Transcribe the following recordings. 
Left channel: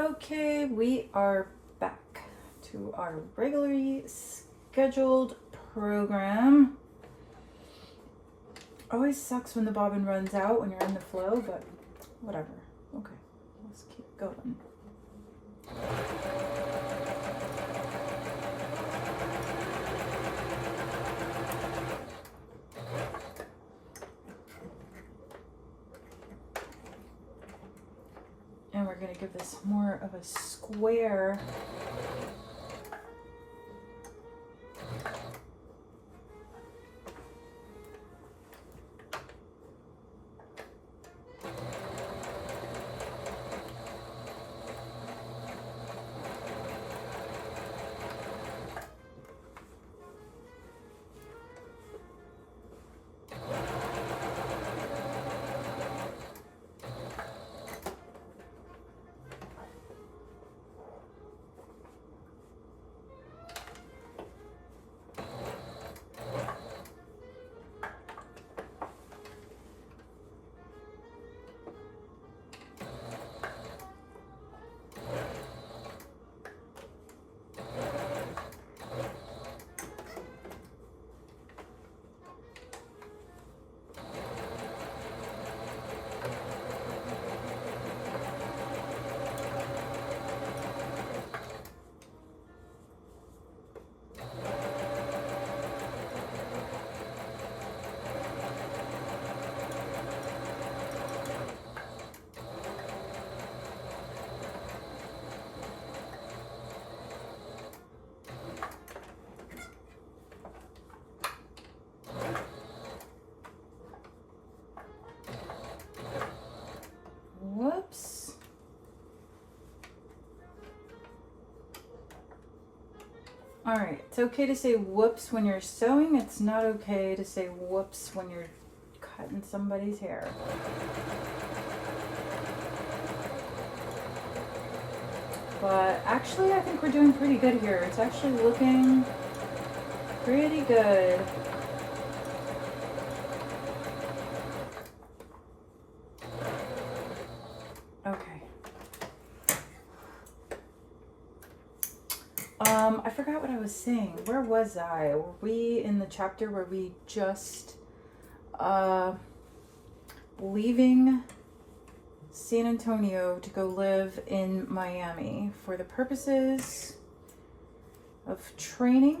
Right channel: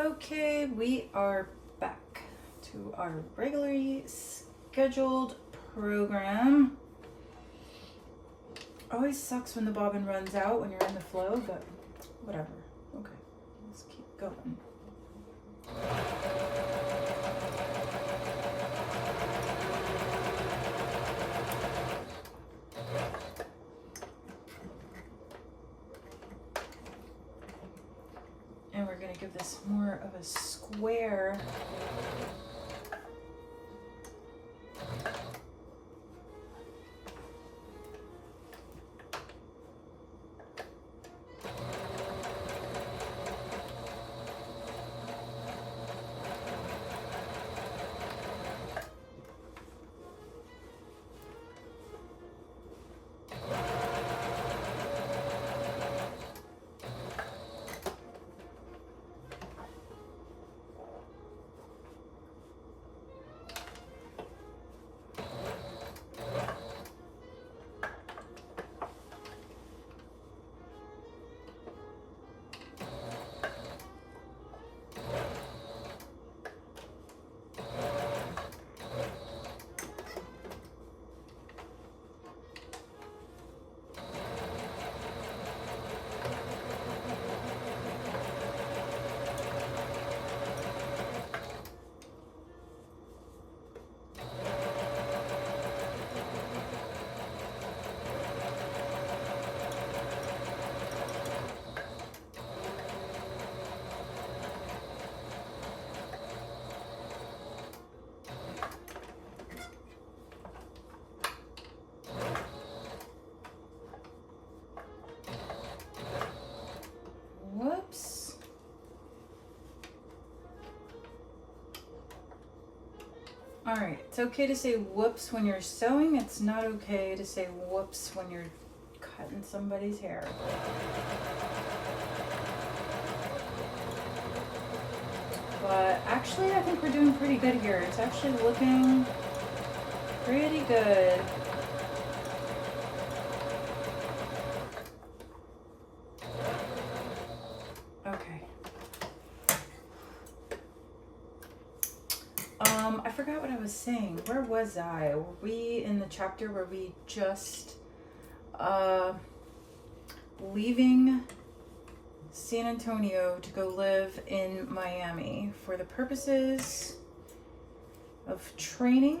Okay, we are back to our regularly scheduled program. Always sucks when the bobbin runs out when you're in the flow, but whatever. Okay, let's keep going. And we're going to give this more of a square. Whoops. All right, it's okay to say whoops when you're sewing. It's not okay to say whoops when you're cutting somebody's hair. But actually, I think we're doing pretty good here. It's actually looking pretty good. Okay. I forgot what I was saying. Where was I? Were we in the chapter where we just leaving San Antonio to go live in Miami for the purposes of training?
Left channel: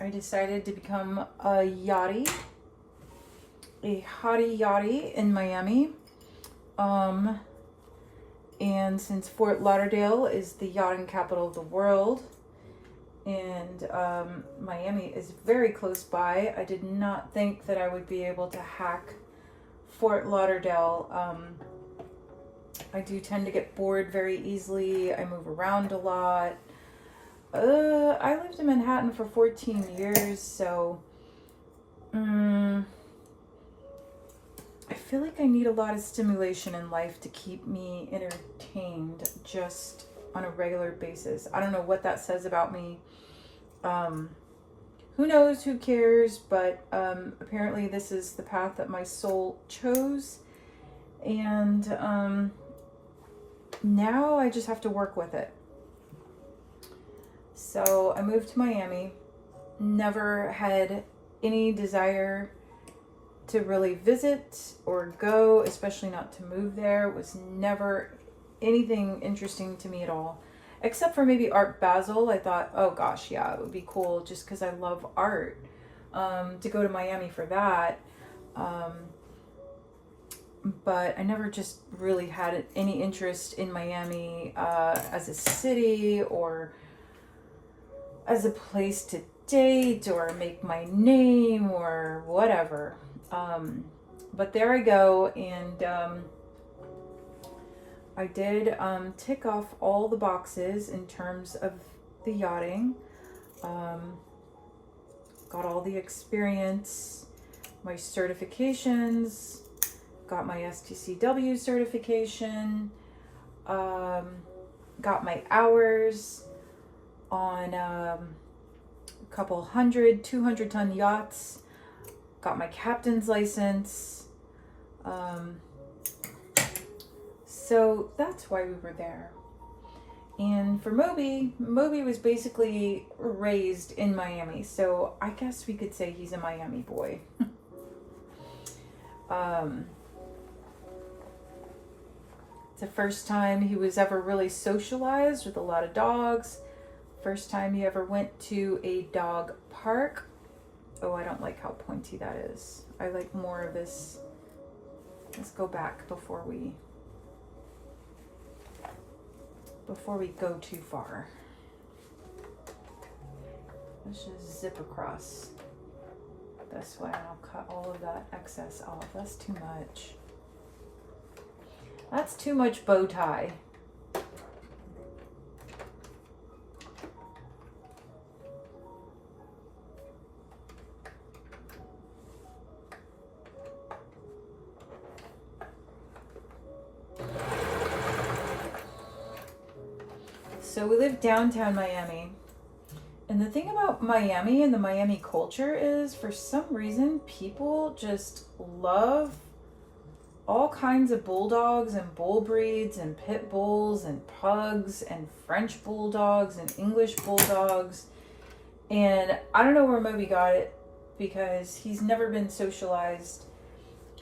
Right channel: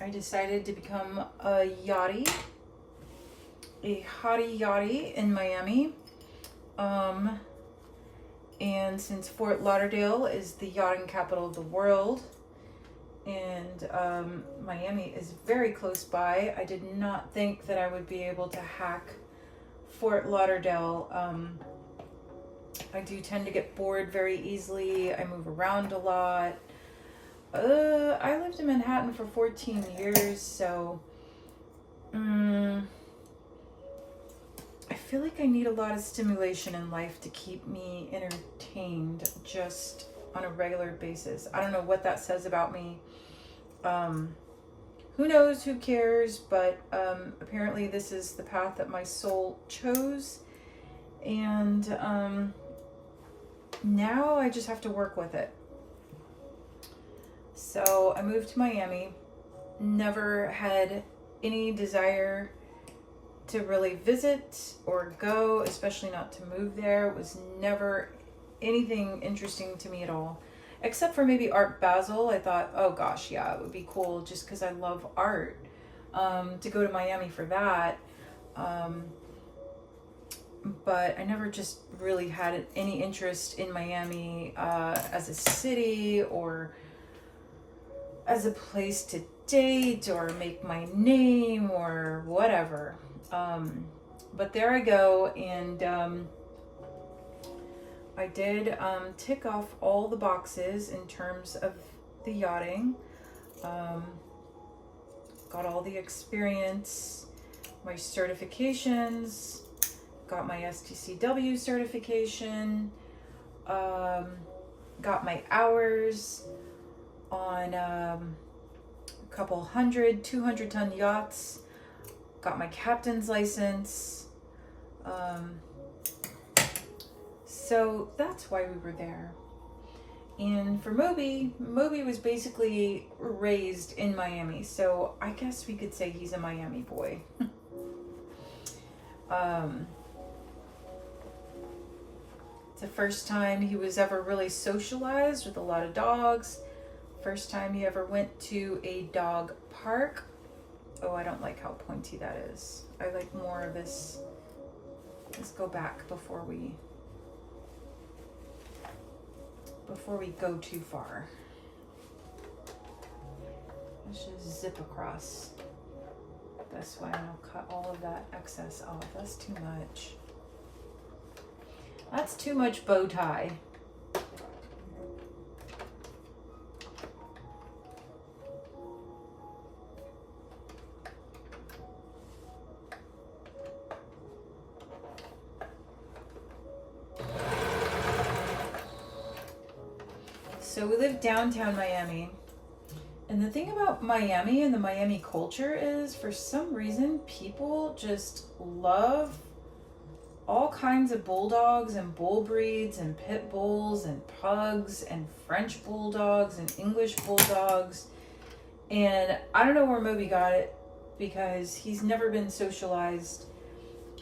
I decided to become a hottie yachty in Miami. And since Fort Lauderdale is the yachting capital of the world, and Miami is very close by, I did not think that I would be able to hack Fort Lauderdale. I do tend to get bored very easily. I move around a lot. I lived in Manhattan for 14 years, so I feel like I need a lot of stimulation in life to keep me entertained just on a regular basis. I don't know what that says about me. Who knows, who cares, but apparently this is the path that my soul chose, and now I just have to work with it. So I moved to Miami, never had any desire to really visit or go, especially not to move there. It was never anything interesting to me at all, except for maybe Art Basel. I thought, oh gosh, yeah, it would be cool just because I love art, to go to Miami for that. But I never just really had any interest in Miami as a city or as a place to date or make my name or whatever. But there I go, and I did tick off all the boxes in terms of the yachting. Got all the experience, my certifications, got my STCW certification, got my hours on a couple 200-ton yachts, got my captain's license. So that's why we were there. And for Moby, Moby was basically raised in Miami, so I guess we could say he's a Miami boy. It's the first time he was ever really socialized with a lot of dogs. First time he ever went to a dog park. Oh, I don't like how pointy that is. I like more of this. Let's go back before we go too far. Let's just zip across this way and I'll cut all of that excess off. That's too much. That's too much bow tie. So we live downtown Miami. And the thing about Miami and the Miami culture is, for some reason, people just love all kinds of bulldogs and bull breeds and pit bulls and pugs and French bulldogs and English bulldogs. And I don't know where Moby got it because he's never been socialized.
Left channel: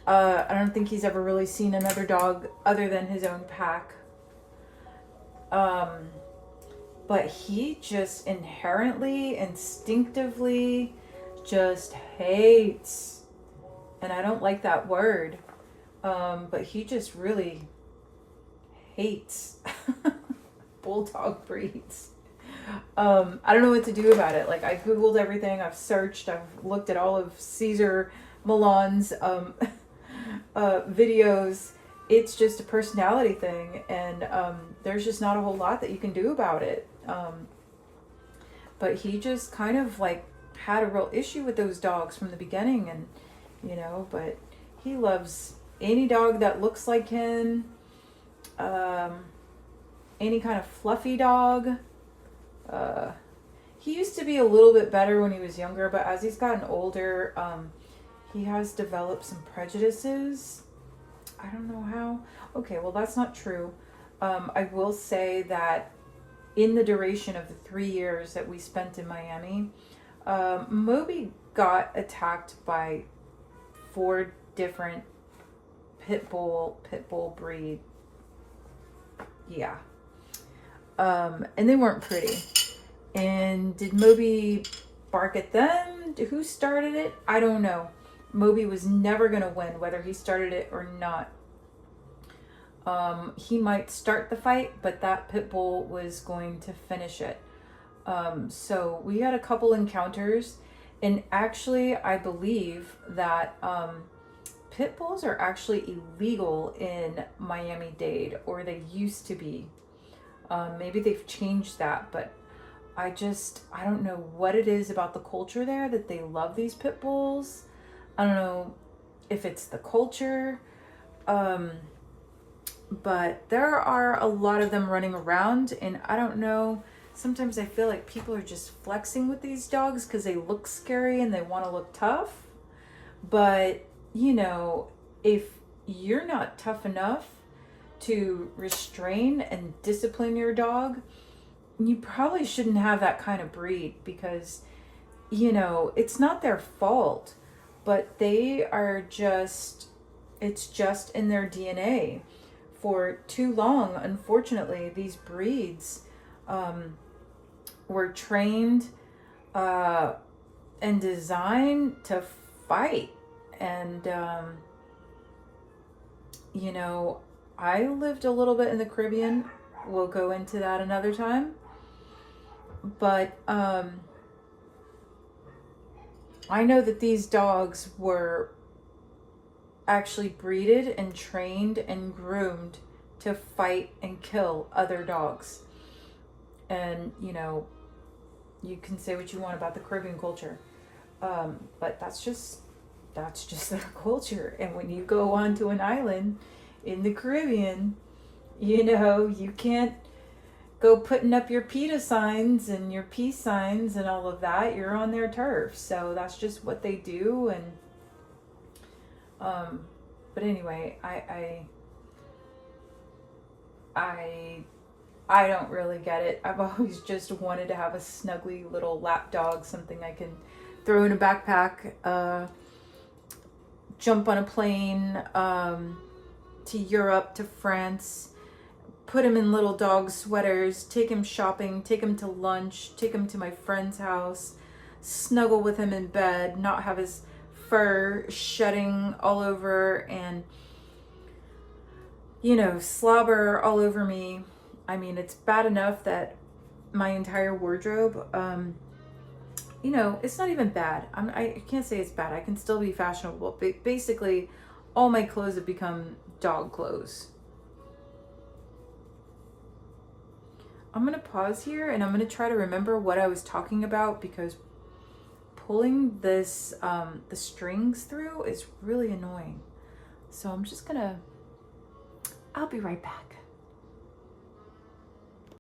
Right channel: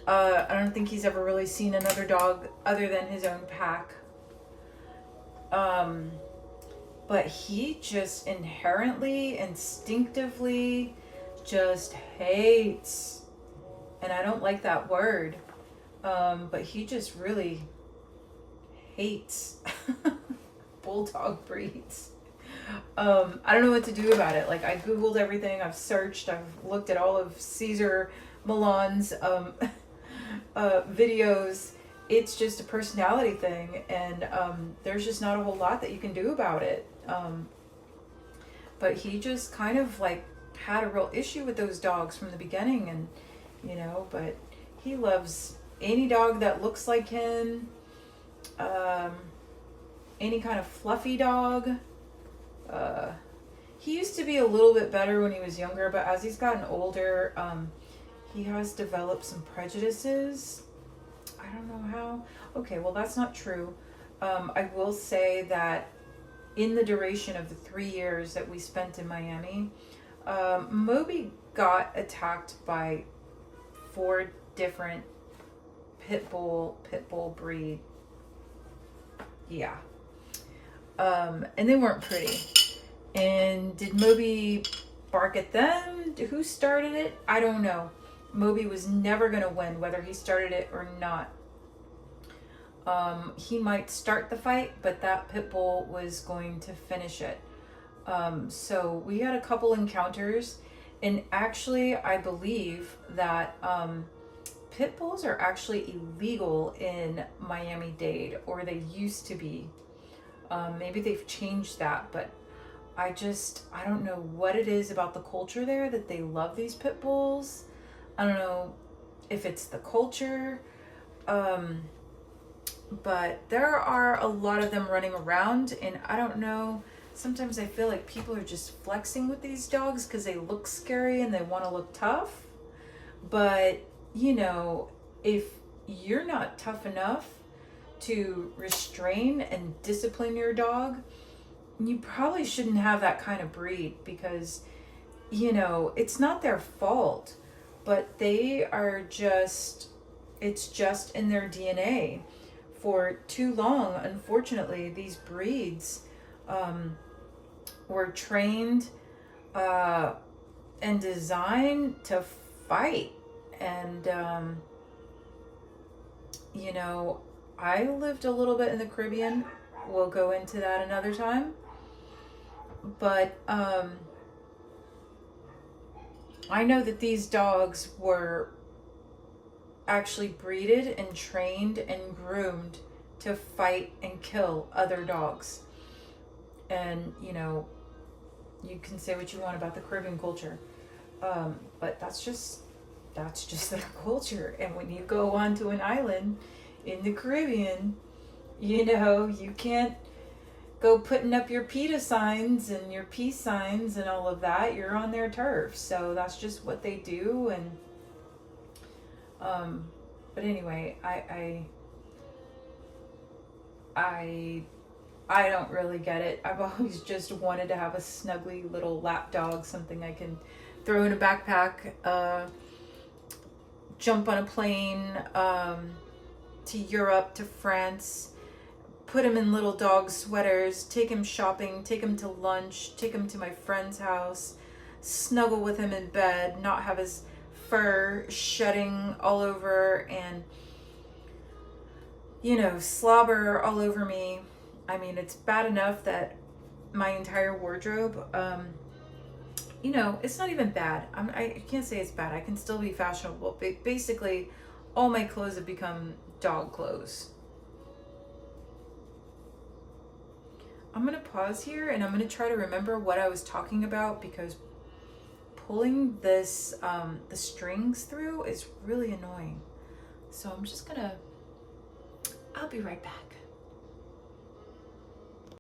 I don't think he's ever really seen another dog other than his own pack. But he just inherently, instinctively just hates, and I don't like that word, but he just really hates bulldog breeds. I don't know what to do about it. Like, I Googled everything, I've searched, I've looked at all of Cesar Millan's videos. It's just a personality thing, and there's just not a whole lot that you can do about it. But he just kind of like had a real issue with those dogs from the beginning, and but he loves any dog that looks like him, any kind of fluffy dog. He used to be a little bit better when he was younger, but as he's gotten older, he has developed some prejudices. I don't know how. Okay, well, that's not true. I will say that in the duration of the 3 years that we spent in Miami, Moby got attacked by 4 different pit bull breed. Yeah. And they weren't pretty. And did Moby bark at them? Who started it? I don't know. Moby was never going to win, whether he started it or not. He might start the fight, but that pit bull was going to finish it. So we had a couple encounters, and actually I believe that pit bulls are actually illegal in Miami-Dade, or they used to be. Maybe they've changed that, but I don't know what it is about the culture there that they love these pit bulls. I don't know if it's the culture, but there are a lot of them running around, and I don't know, sometimes I feel like people are just flexing with these dogs because they look scary and they want to look tough. But, if you're not tough enough to restrain and discipline your dog, you probably shouldn't have that kind of breed, because, it's not their fault. But they are it's just in their DNA. For too long, unfortunately, these breeds were trained and designed to fight. And, I lived a little bit in the Caribbean. We'll go into that another time. But, I know that these dogs were actually breeded and trained and groomed to fight and kill other dogs. And, you can say what you want about the Caribbean culture. But that's just their culture. And when you go onto an island in the Caribbean, you can't go putting up your PETA signs and your peace signs and all of that. You're on their turf. So that's just what they do. And but anyway, I I don't really get it. I've always just wanted to have a snuggly little lap dog, something I can throw in a backpack, jump on a plane to Europe, to France, put him in little dog sweaters, take him shopping, take him to lunch, take him to my friend's house, snuggle with him in bed, not have his fur shedding all over and, you know, slobber all over me. I mean, it's bad enough that my entire wardrobe, you know, it's not even bad. I can't say it's bad. I can still be fashionable. But basically, all my clothes have become dog clothes. I'm going to pause here and I'm going to try to remember what I was talking about, because pulling this, the strings through is really annoying. So I'm just going to, I'll be right back.